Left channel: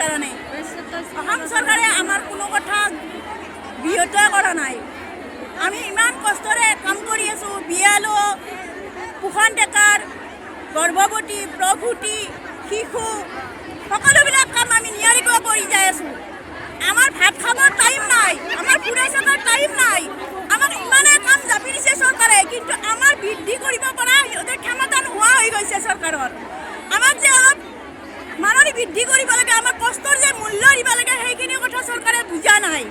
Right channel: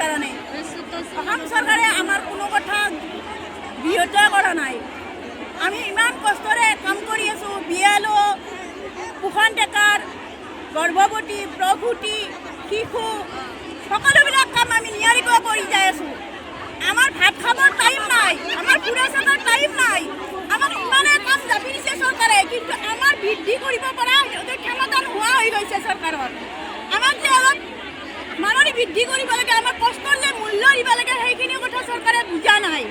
কাৰণে অসম চৰকাৰে আমাৰ কোনো কথা বিৰত কৰা নাই। আমি ইমান কষ্টৰে কাম কৰি আছোঁ। BLO, পোষণ ডেকাৰ, গৰ্ভৱতী, প্ৰভূতি, শিশু সকলোবিলাক কাম আমি নিয়াৰিকৈ কৰি যাই আছোঁ। আমাৰ ভাত খাবৰ টাইম নাই, আমাৰ ফুৰা চকাৰ টাইম নাই। আমাক ইমানে কাম জাপি দিছে চৰকাৰে, কিন্তু আমাৰ বৃদ্ধি কৰিব পৰা ক্ষমতা নোহোৱা হৈ গৈছে চৰকাৰৰ। আমাক যে অলপ মাননি বৃদ্ধি কৰিব লাগে, আমাৰ কষ্টৰ যে মূল্য দিব লাগে, সেইখিনি কথা চৰকাৰে বুজা নাই।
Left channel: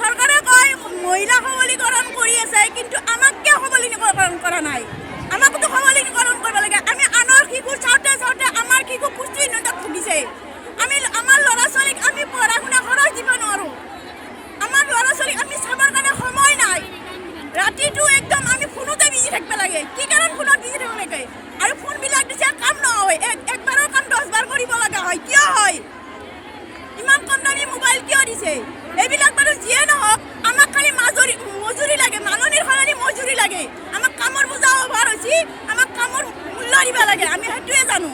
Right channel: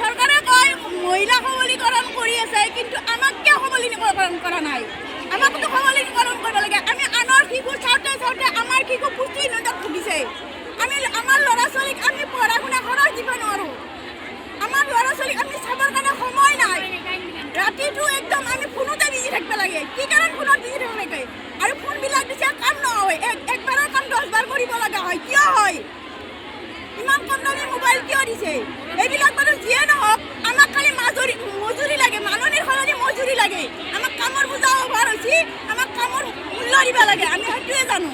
চৰকাৰে কয় মহিলা সবলীকৰণ কৰি আছে, কিন্তু আমাক কিয় সবলীকৰণ কৰা নাই? আমাকতো সবলীকৰণ কৰিব লাগে। আমি আনৰ শিশু চাওঁতে চাওঁতে আমাৰ শিশু পুষ্টিহীনতাত ভুগিছে। আমাৰ ল'ৰা ছোৱালীক আমি পঢ়া শুনা খৰচ দিব নোৱাৰোঁ। আমাৰ ল'ৰা ছোৱালীক আমি চাবৰ কাৰণে সময় নাই। ৰাতিটো একদম আমি ফোনতে বিজি থাকিব লাগে। কি কাৰণ ফোনত বিজি থাকিব লাগে? আৰু ফোনবিলাক দিছে কাম নহয়, একবাৰৰ কাম 10 বাৰ কৰিব লগা হয়। কিয় হয়? ইমান কম দামী মোবাইল কিয় দিছে? এইবিলাক বাৰু যিয়ে নহওক, আমাক খালি মজুৰি লাগে, মাননিৰ সলনি মজুৰি লাগে। আমাক কামৰ বোজা অভাৰ হৈছে, আমাক কামৰ মূল্য দিব লাগে, আমি সেইটোৱে জানো।